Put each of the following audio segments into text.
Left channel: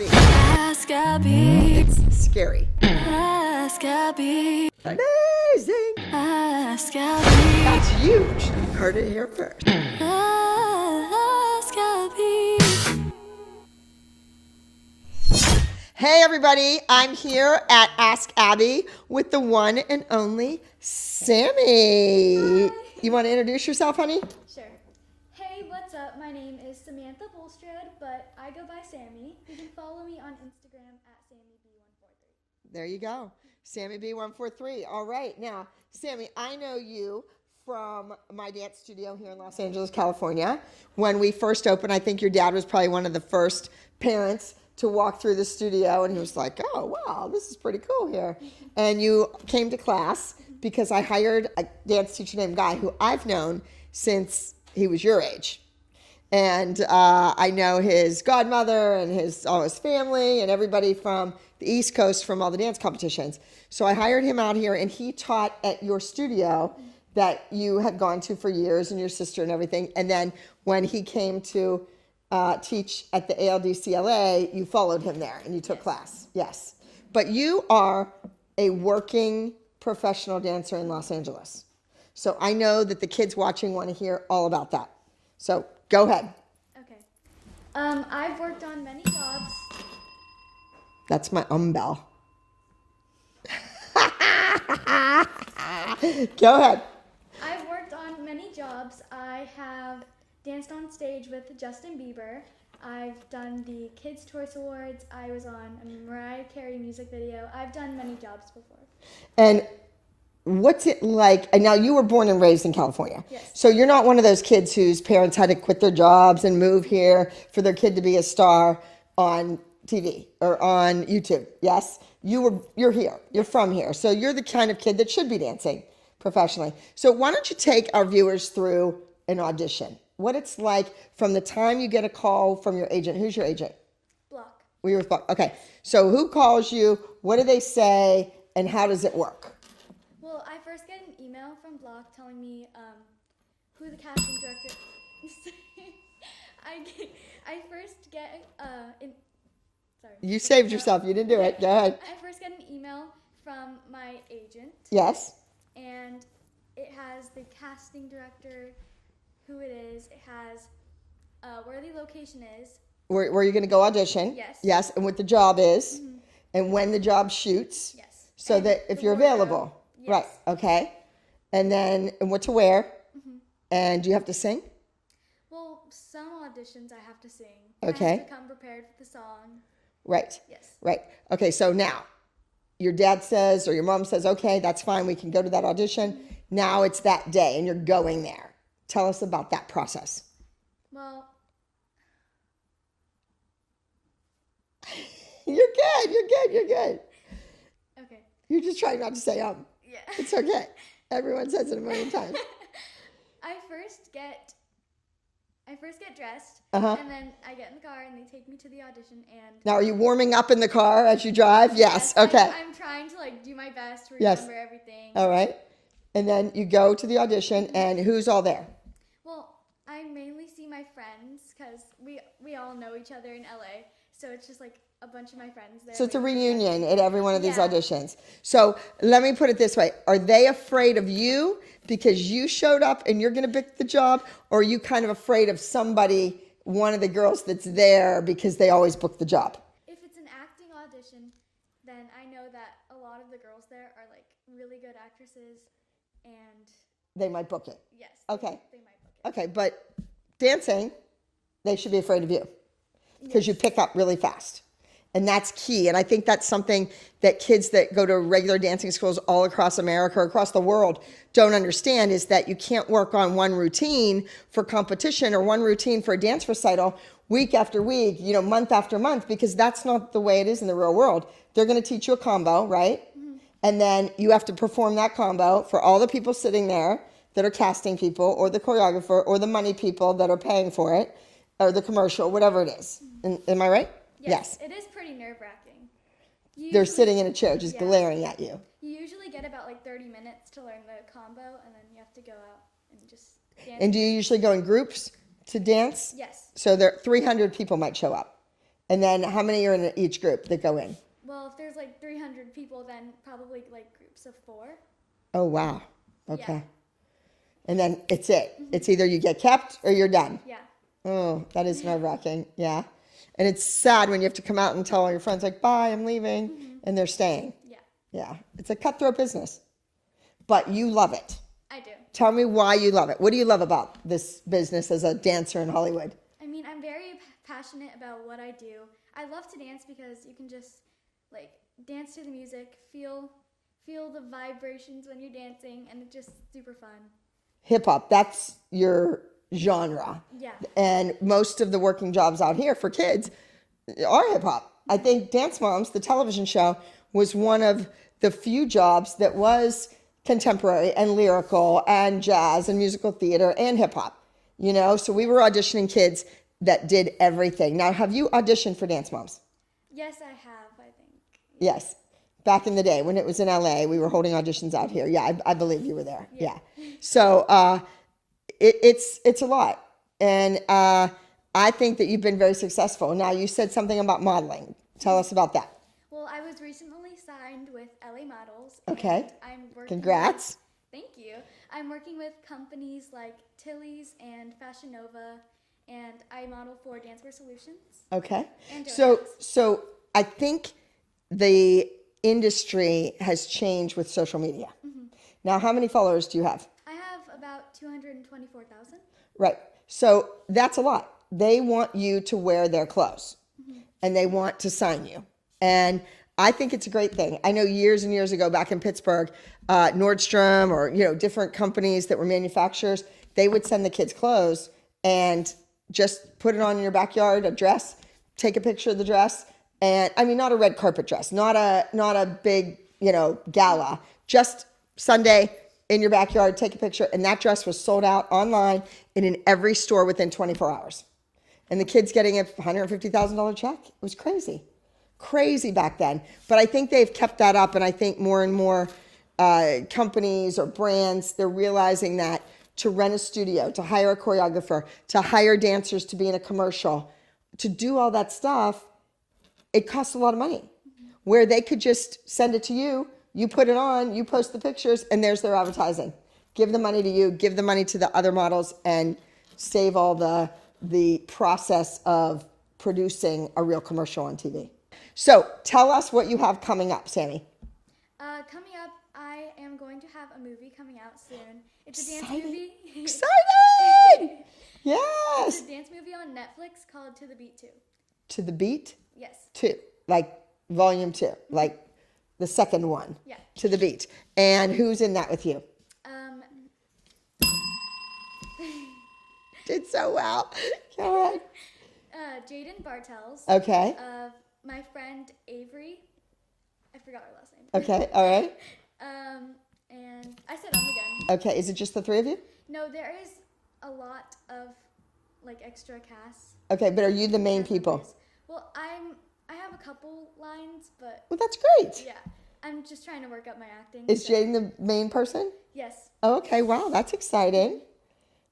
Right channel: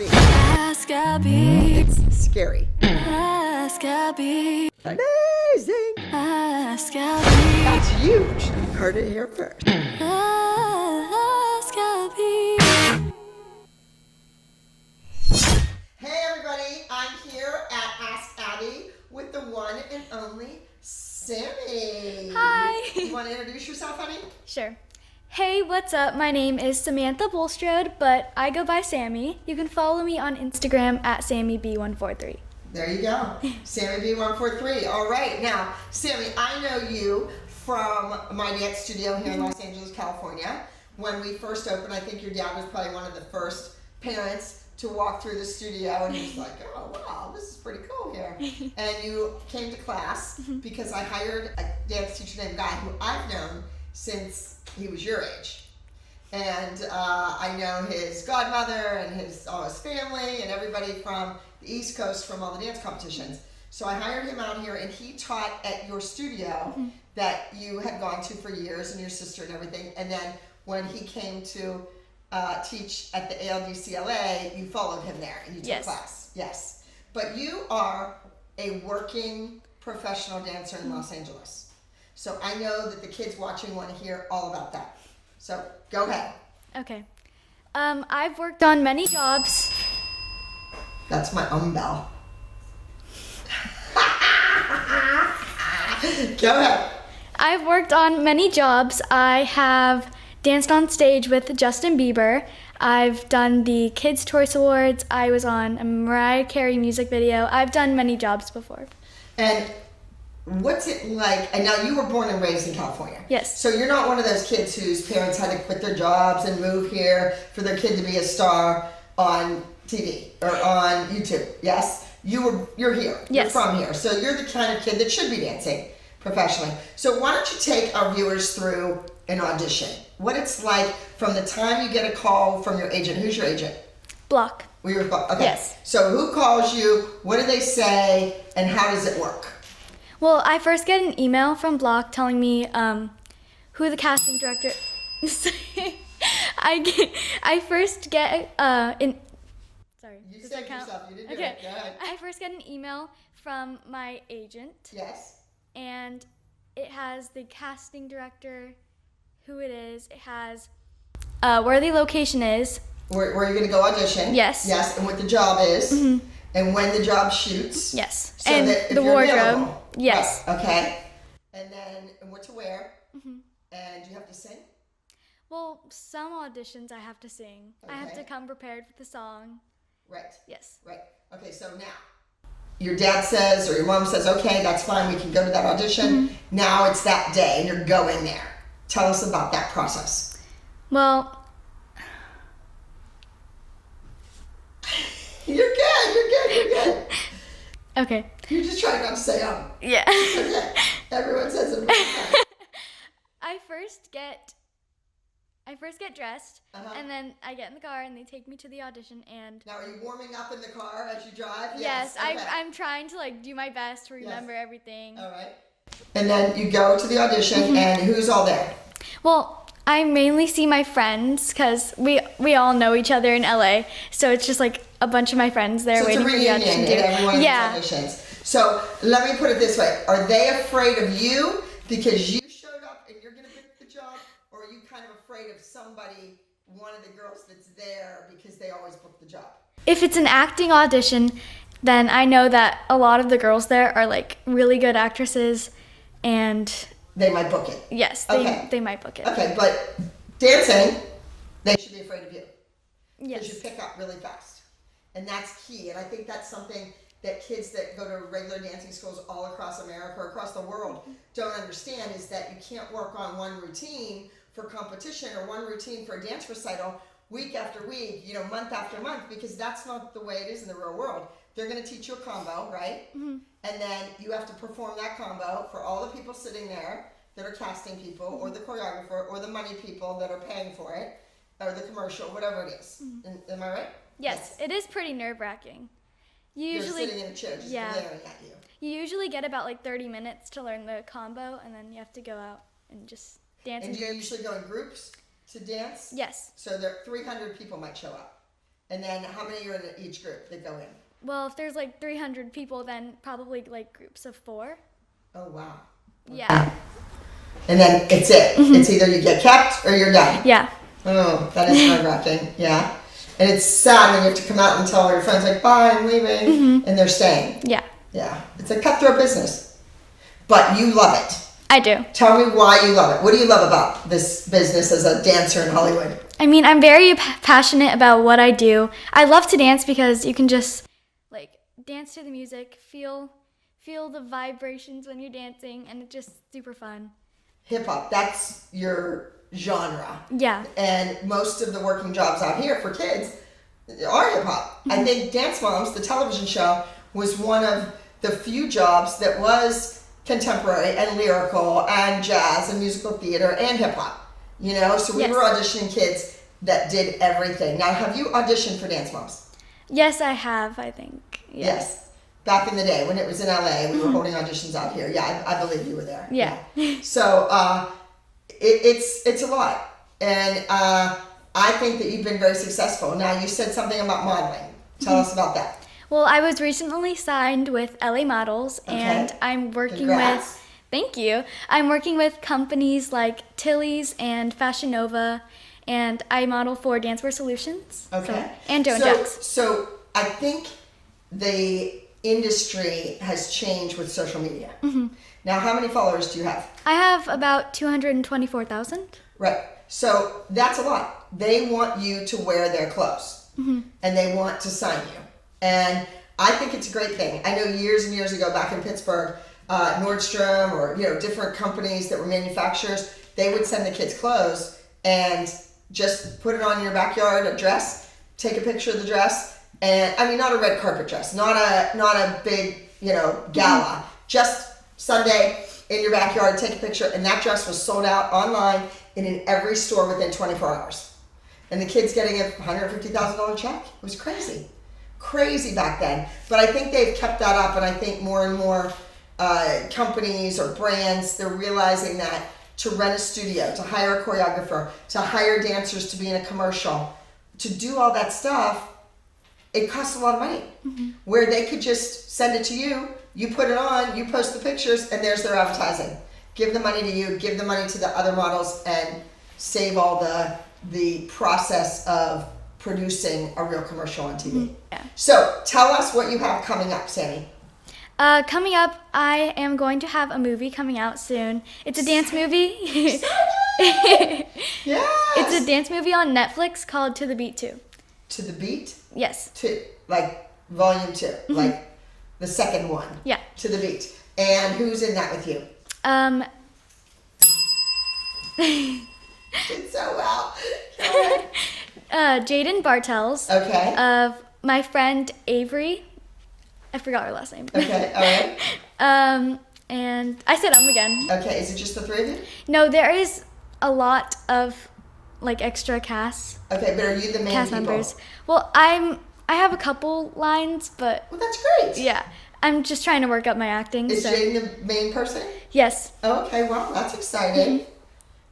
Abby. Ask Abby. It's scary. Ask Abby. Amazing. Ask Abby. That's huge. You heard it here first. Ask Abby. Hey everybody, I'm here at Ask Abby with the one and only Sammy. Hi. You want to introduce yourself, honey? Sure. Hey, what's up? My name is Samantha Bulstrode, but I go by Sammy. You can follow me on Instagram at SammyB143. There you go. Sammy B143. All right. Now, Sammy, I know you from my dance studio here in Los Angeles, California. When we first opened, I think your dad was probably one of the first parents to walk through the studio, and he was like, oh, wow, this is pretty cool here. And you came to class because I hired a dance teacher named Guy who I've known since he was your age. And I know his godmother and all his family and everybody from the East Coast from all the dance competitions. So I hired him out here, and he taught at your studio that you had gone to for years, and your sister and everything. And then when he came to teach at the ALDC LA, you followed him there and you took class. Yes. But you are a working professional dancer in Los Angeles. So I know that the kids watching want to hear all about that. So go ahead. Okay. I've worked on many jobs. That's my bell. Go ahead. I've worked on many jobs. I have danced on stage with Justin Bieber. I've done the Kids' Choice Awards. I was on a Mariah Carey music video. I've done many jobs before. And what's it like? And now you were born and raised in California. Yes. So you're not one of those kids whose parents had to quit their jobs and move here for their kid to be a star on TV or on YouTube. Yes? You're here. Yes. You're from here. So you're the kind of kid that should be dancing professionally. So why don't you take our viewers through an audition? What it's like from the time you get a call from your agent. Who's your agent? Block. Well, you're okay. Yes. So who calls you? What do they say? And how does it work? Well, I first get an email from Block telling me who the casting director. I first get Sorry. You saved yourself. You didn't do it. Go ahead. I first get an email from my agent. Yes. And it has the casting director, who it is. It has where the location is. Where you're going to go audition. Yes. Yes, and what the job is. Mm-hmm. And when the job shoots. Yes. So and that if the you're wardrobe. available. Yes. Right. Okay. And then and what to wear. Mm-hmm. And do you have to sing? Well, some auditions I have to sing. Okay. I have to come prepared with the song. Right. Yes. Right. Okay, so now your dad says or your mom says, okay, that's fine, we can go to that audition. Mm-hmm. Now it's that day and you're going there. Tell us about that process. Well, You're good. Okay. You're just trying not to say Yeah. It's okay. Everyone says it every time. I first get dressed, Uh-huh. and then I get in the car, and they take me to the audition, and... Now, are you warming up in the car as you drive? Yes. Okay. I'm trying to, do my best to remember everything. All right. And then you go to the audition, and who's all there? Well, I mainly see my friends, because we all know each other in LA, so it's just, a bunch of my friends there waiting for the audition. So it's a reunion at every one of these auditions. So let me put it this way. Are they afraid of you because you showed up and you're going to pick the job? Or are you kind of afraid of somebody, one of the girls that's there because they always book the job? If it's an acting audition, then I know that a lot of the girls there are really good actresses, and they might book it. Yes, they might book it. Okay, but dancing, they should be afraid of you because you pick up really fast. And that's key. And I think that's something that kids that go to regular dancing schools all across America or across the world don't understand, is that you can't work on one routine for competition or one routine for a dance recital week after week, month after month, because that's not the way it is in the real world. They're going to teach you a combo, right? Mm-hmm. And then you have to perform that combo for all the people sitting there that are casting people, or the choreographer, or the money people that are paying for it, or the commercial, whatever it is. Mm-hmm. Am I right? Yes. It is pretty nerve-wracking. They're sitting in a chair just glaring at you. You usually get about 30 minutes to learn the combo, and then you have to go out and just dance. And do you usually go in groups to dance? Yes. So 300 people might show up. And then how many are in each group that go in? Well, if there's like 300 people, then probably like groups of 4. Oh, wow. Okay. Yeah. And then it's it. It's either you get kept or you're done. Yeah. Oh, that is nerve-wracking. Yeah. And it's sad when you have to come out and tell all your friends, like, bye, I'm leaving, and they're staying. Yeah. Yeah. It's a cutthroat business. But you love it. I do. Tell me why you love it. What do you love about this business as a dancer in Hollywood? I mean, I'm very passionate about what I do. I love to dance because you can just like dance to the music, feel the vibrations when you're dancing, and it's just super fun. Hip hop, that's your genre. Yeah. And most of the working jobs out here for kids are hip hop. I think Dance Moms, the television show, was one of the few jobs that was contemporary and lyrical and jazz and musical theater and hip hop. You know, so we were auditioning kids that did everything. Now, have you auditioned for Dance Moms? Yes, I have, I think. Yeah. Yes. Back in the day when it was in LA, we were holding auditions out here. Yeah, I believe you were there. Yeah. So it's a lot. And I think that you've been very successful. Now, you said something about modeling. Tell us about that. Well, I was recently signed with LA Models, and I'm working Congrats. with, thank you, I'm working with companies like Tilly's and Fashion Nova, and I model for Dancewear Solutions. Okay. And Joe and Jax. So I think the industry has changed with social media. Now, how many followers do you have? I have about 224,000. Right. So that's a lot. They want you to wear their clothes, and they want to sign you. And I think it's a great thing. I know years and years ago back in Pittsburgh, Nordstrom or, you know, different companies that were manufacturers, they would send the kids clothes and just put it on your backyard, a dress, take a picture of the dress. And I mean, not a red carpet dress, not a big, you know, gala, just Sunday in your backyard, take a picture. And that dress was sold out online and in every store within 24 hours. And the kid's getting a $150,000 check. It was crazy back then. But I think they've kept that up, and I think more and more companies or brands, they're realizing that to rent a studio, to hire a choreographer, to hire dancers to be in a commercial, to do all that stuff, it costs a lot of money. Where they could just send it to you, you put it on, you post the pictures, and there's their advertising. Give the money to you, give the money to the other models, and save all the process of producing a real commercial on TV. Yeah. So tell us what you have coming up, Sammy. Coming up, I am going to have a movie coming out soon. It's a dance movie. Excited! Yes! It's a dance movie on Netflix called To the Beat 2. To the Beat? Yes. Like volume 2, like the second one. Yeah. To the Beat. And who's in that with you? Did so well. Go ahead. Jaden Bartels. Okay. My friend Avery. I forgot her last name. Okay, all right. And I said again. Okay, is it just the three of you? No, there is a lot of like extra cast. Okay, but are you the main cast people? members. Well, I have a couple lines, but Well, that's great. yeah, I'm just trying to work up my acting. Is so. Jaden the main person? Yes. Okay, wow, that's exciting.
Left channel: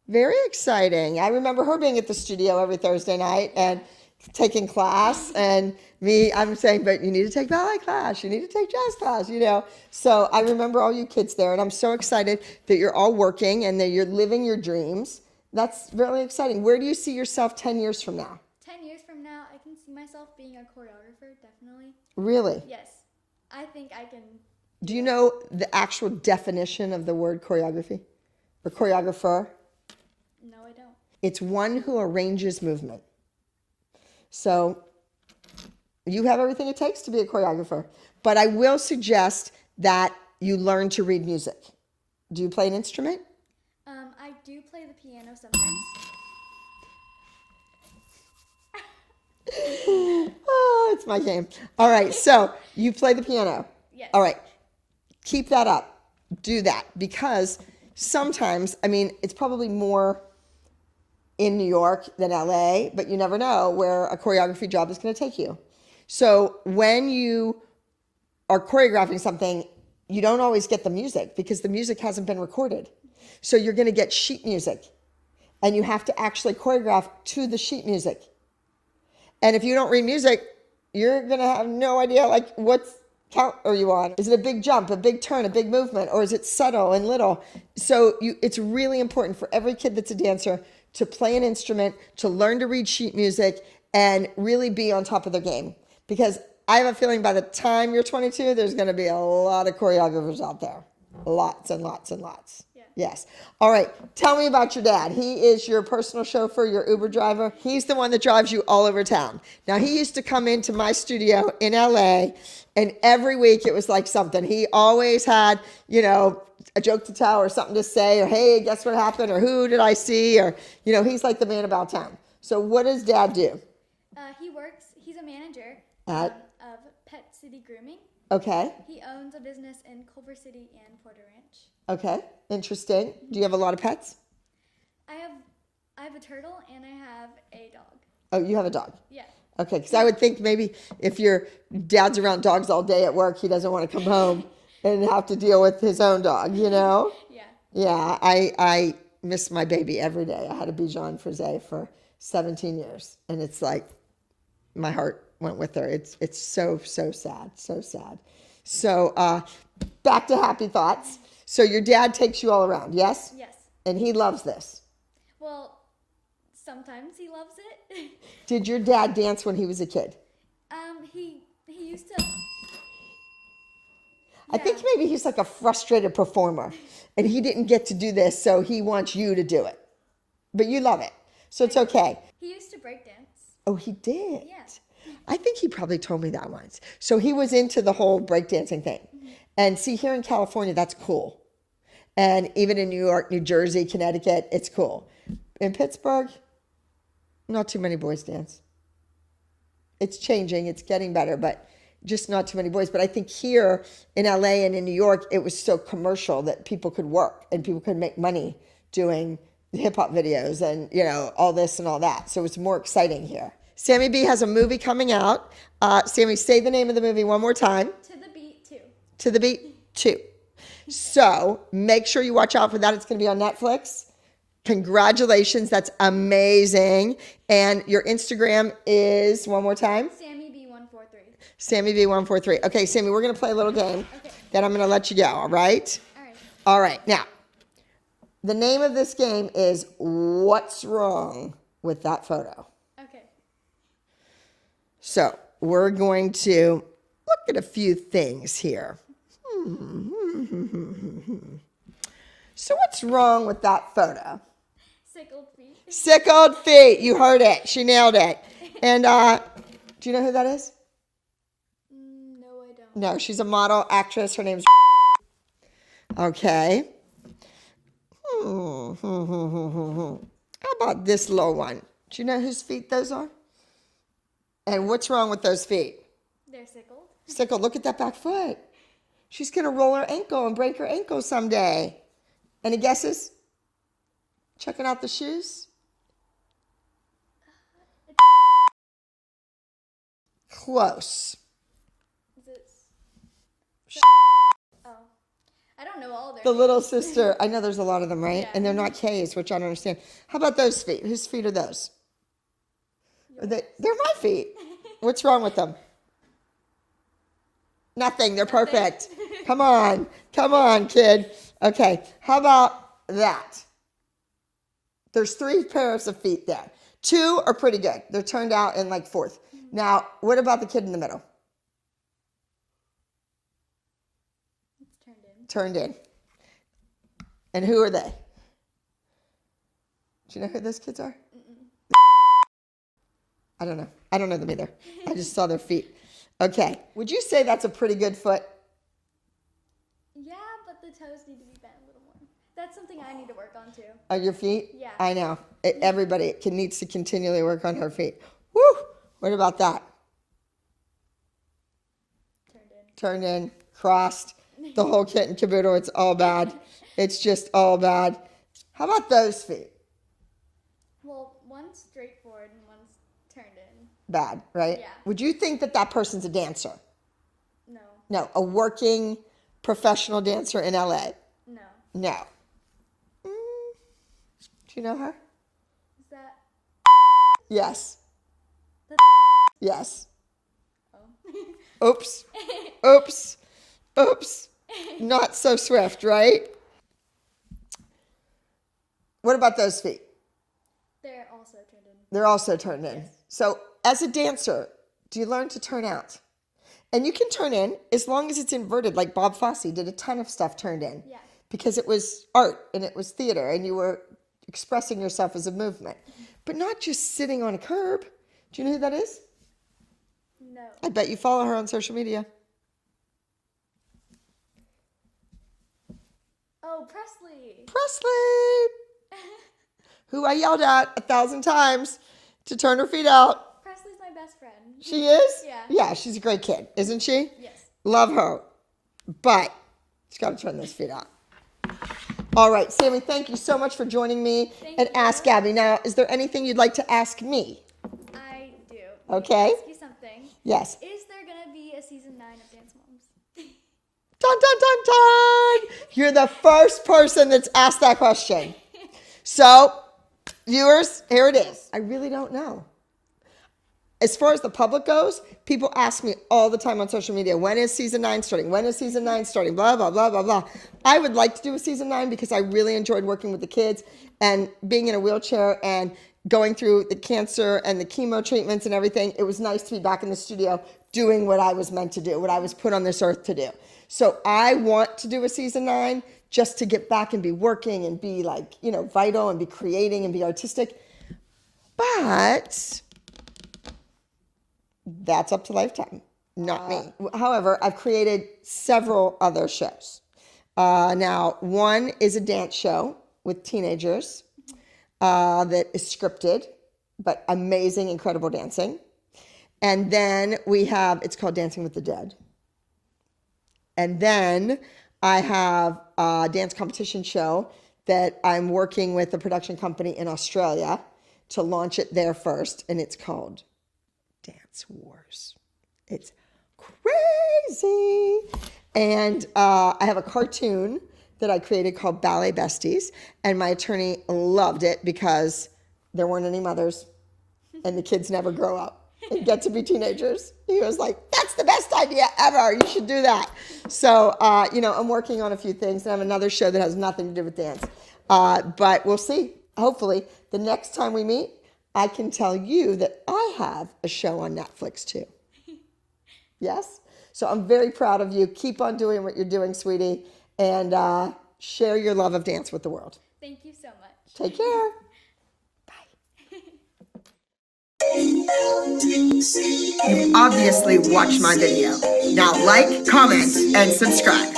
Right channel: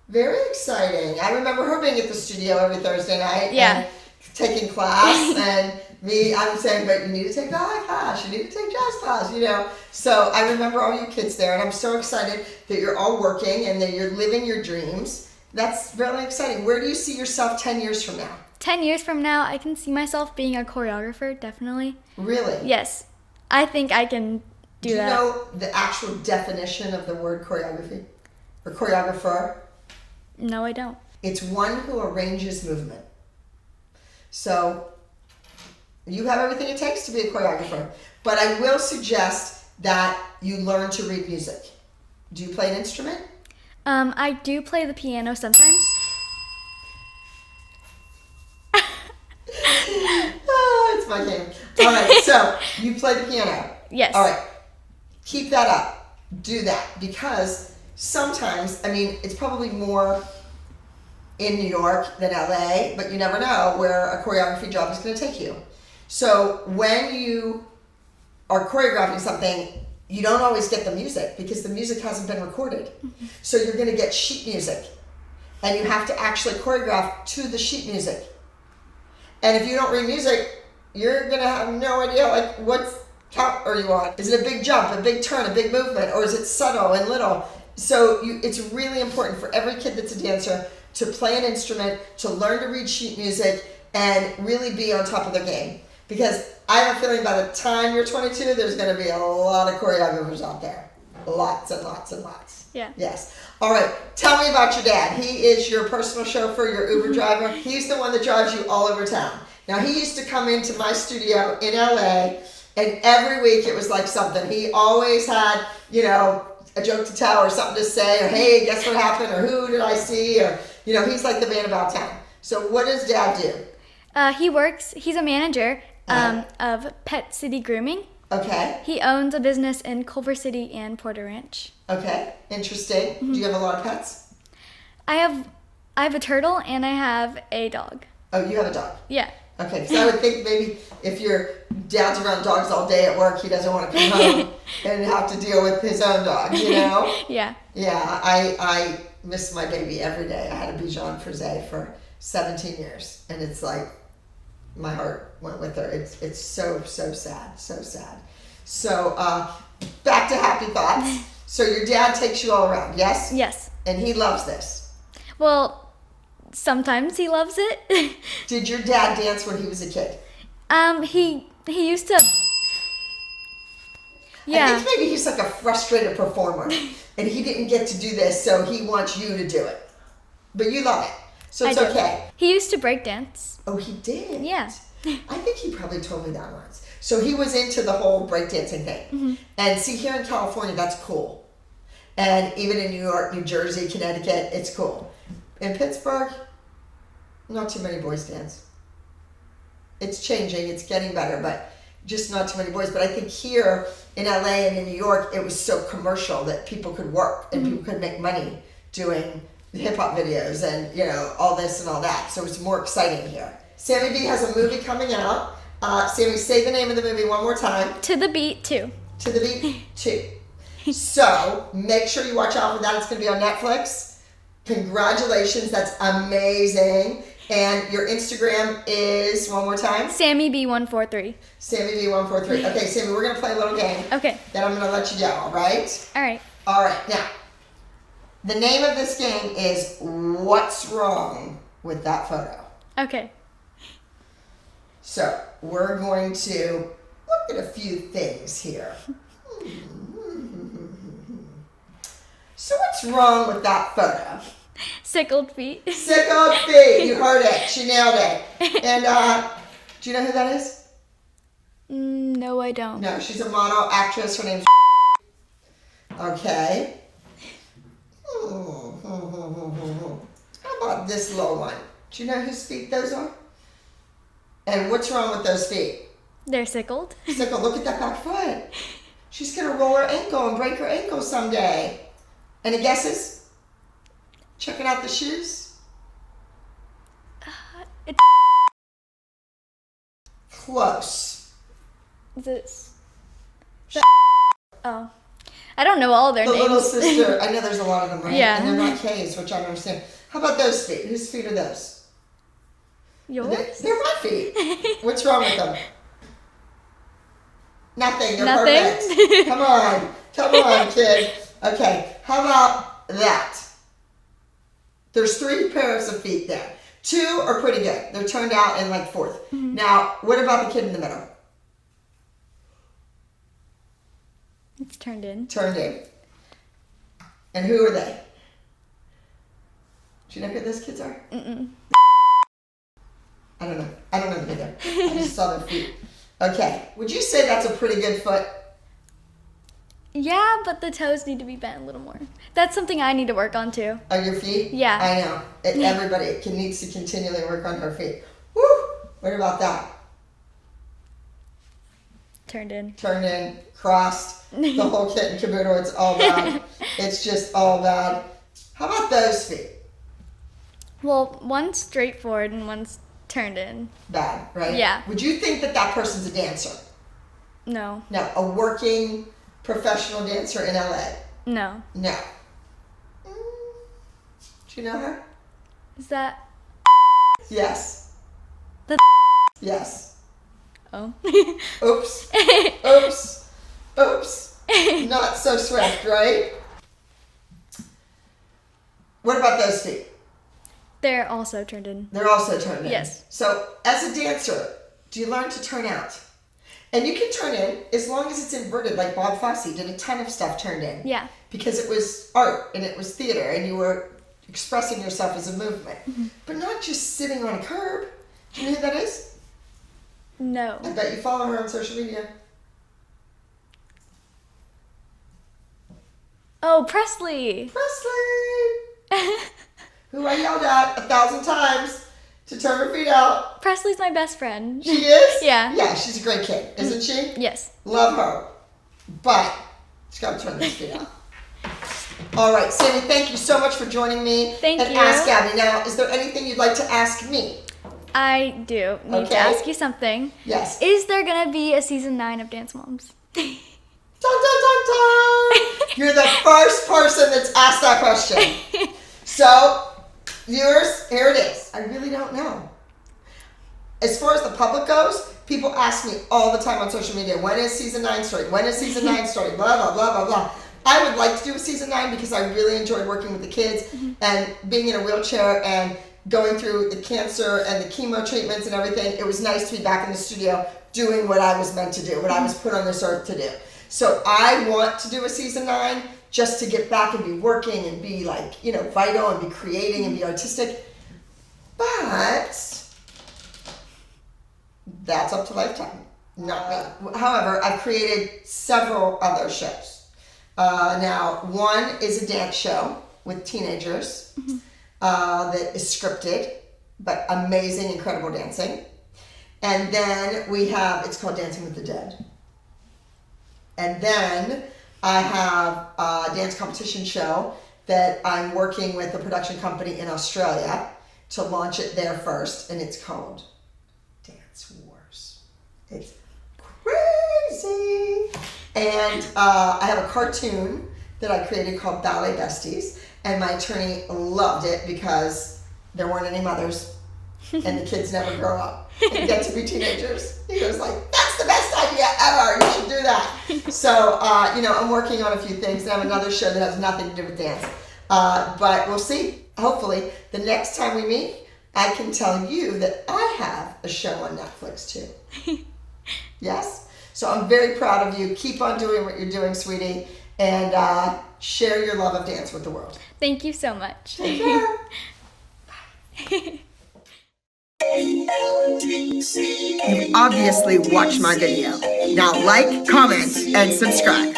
Very exciting. I remember her being at the studio every Thursday night and taking class, and I'm saying, but you need to take ballet class, you need to take jazz class, you know. So I remember all you kids there, and I'm so excited that you're all working and that you're living your dreams. That's really exciting. Where do you see yourself 10 years from now? 10 years from now, I can see myself being a choreographer, definitely. Really? Yes. I think I can do that. Do you know the actual definition of the word choreography? Or choreographer? No, I don't. It's one who arranges movement. So you have everything it takes to be a choreographer. But I will suggest that you learn to read music. Do you play an instrument? I do play the piano sometimes. It's my game. All right, so you play the piano. Yes. All right, keep that up. Do that, because sometimes, I mean, it's probably more in New York than LA, but you never know where a choreography job is going to take you. So when you are choreographing something, you don't always get the music because the music hasn't been recorded. So you're going to get sheet music, and you have to actually choreograph to the sheet music. And if you don't read music, you're gonna have no idea like what count are you on. Is it a big jump, a big turn, a big movement, or is it subtle and little? So it's really important for every kid that's a dancer to play an instrument, to learn to read sheet music, and really be on top of their game. Because I have a feeling by the time you're 22, there's going to be a lot of choreographers out there. Lots and lots and lots. Yeah. Yes. All right. Tell me about your dad. He is your personal chauffeur, your Uber driver. He's the one that drives you all over town. Now, he used to come into my studio in LA, and every week it was like something. He always had, you know, a joke to tell or something to say, or hey, guess what happened, or who did I see, or, you know, he's like the man about town. So what does Dad do? He's a manager of Pet City Grooming. Okay. He owns a business in Culver City and Porter Ranch. Okay, interesting. Do you have a lot of pets? I have a turtle and I have a dog. Oh, you have a dog? Yeah. Okay, because I would think maybe if your dad's around dogs all day at work, he doesn't want to come home and have to deal with his own dog, you know? Yeah. Yeah, I miss my baby every day. I had a Bichon Frise for 17 years, and it's like my heart went with her. It's so sad, so sad. So back to happy thoughts. So your dad takes you all around, yes? Yes. And he loves this. Well, sometimes he loves it. Did your dad dance when he was a kid? He used to. I Yeah. think maybe he's like a frustrated performer, and he didn't get to do this, so he wants you to do it. But you love it, so it's I do. okay. He used to break dance. Oh, he did? Yeah. I think he probably told me that once. So he was into the whole breakdancing thing. Mm-hmm. And see, here in California, that's cool. And even in New York, New Jersey, Connecticut, it's cool. In Pittsburgh, not too many boys dance. It's changing, it's getting better, but just not too many boys. But I think here in LA and in New York, it was so commercial that people could work and people could make money doing hip hop videos and, you know, all this and all that. So it's more exciting here. Sammy B has a movie coming out. Sammy, say the name of the movie one more time. To the Beat 2. To the Beat 2. So make sure you watch out for that. It's going to be on Netflix. Congratulations. That's amazing. And your Instagram is, one more time? Sammy B143. Sammy B143. Okay, Sammy, we're going to play a little game. Okay. Then I'm going to let you go, all right? All right. All right. Now, the name of this game is What's Wrong with That Photo? Okay. So we're going to look at a few things here. So what's wrong with that photo? Sickled feet. Sickled feet. You heard it. She nailed it. And do you know who that is? No, I don't. No, she's a model, actress. Her name's Okay. How about this low one? Do you know whose feet those are? And what's wrong with those feet? They're sickled. Sickled. Look at that back foot. She's going to roll her ankle and break her ankle someday. Any guesses? Checking out the shoes? It's Close. this. Oh. I don't know all their The names. little sister. I know there's a lot of them, right? Yeah. And they're not K's, which I don't understand. How about those feet? Whose feet are those? Yours? They're my feet. What's wrong with them? Nothing. They're Nothing? perfect. Come on. Come on, kid. Okay. How about that? There's 3 pairs of feet there. 2 are pretty good. They're turned out in like 4th. Mm-hmm. Now, what about the kid in the middle? It's turned in. Turned in. And who are they? Do you know who those kids are? Mm-mm. I don't know. I don't know them either. I just saw their feet. Okay. Would you say that's a pretty good foot? Yeah, but the toes need to be bent a little more. That's something I need to work on too. On your feet? Yeah. I know. Everybody needs to continually work on her feet. Woo! What about that? Turned in. Turned in, crossed, the whole kit and caboodle. It's all bad. It's just all bad. How about those feet? Well, one's straightforward and one's turned in. Bad, right? Yeah. Would you think that that person's a dancer? No. No, a working professional dancer in LA? No. No. Do you know her? Is that Yes. the Yes. Oh. Oops. Oops. Oops. Not so swift, right? What about those feet? They're also turned in. They're also turned in. Yes. So as a dancer, do you learn to turn out? And you can turn in as long as it's inverted, like Bob Fosse did a ton of stuff turned in. Yeah. Because it was art and it was theater and you were expressing yourself as a movement. But not just sitting on a curb. Do you know who that is? No. I bet you follow her on social media. Oh, Presley. Presley! Who I yelled at 1,000 times to turn her feet out. Presley's my best friend. She is? Yeah. Yeah, she's a great kid, isn't she? Yes. Love her. But she's got to turn those feet out. All right, Sammy, thank you so much for joining me. Thank and you. Ask Abby. Now, is there anything you'd like to ask me? I do need Okay. to ask you something. Yes. Is there gonna be a season 9 of Dance Moms? Dun, dun, dun, dun! You're the first person that's asked that question. So, viewers, here it is. I really don't know. As far as the public goes, people ask me all the time on social media, when is season 9 starting? When is season 9 starting? Blah, blah, blah, blah, blah. I would like to do a season 9 because I really enjoyed working with the kids and being in a wheelchair and going through the cancer and the chemo treatments and everything. It was nice to be back in the studio doing what I was meant to do, what I was put on this earth to do. So I want to do a season 9 just to get back and be working and be like, you know, vital and be creating and be artistic. But that's up to Lifetime, not me. However, I've created several other shows. Now, one is a dance show with teenagers that is scripted, but amazing, incredible dancing. And then we have, it's called Dancing with the Dead. And then I have a dance competition show that I'm working with a production company in Australia to launch it there first. And it's called Dance Wars. It's crazy. And I have a cartoon that I created called Ballet Besties. And my attorney loved it because there weren't any mothers and the kids never grow up and get to be teenagers. He was like, that's the best idea ever. You should do that. So, you know, I'm working on a few things and I have another show that has nothing to do with dance. But we'll see. Hopefully, the next time we meet, I can tell you that I have a show on Netflix too. Yes? So I'm very proud of you. Keep on doing what you're doing, sweetie. And share your love of dance with the world. Thank you so much. Take care. You've obviously watched my video. Now like, comment, and subscribe.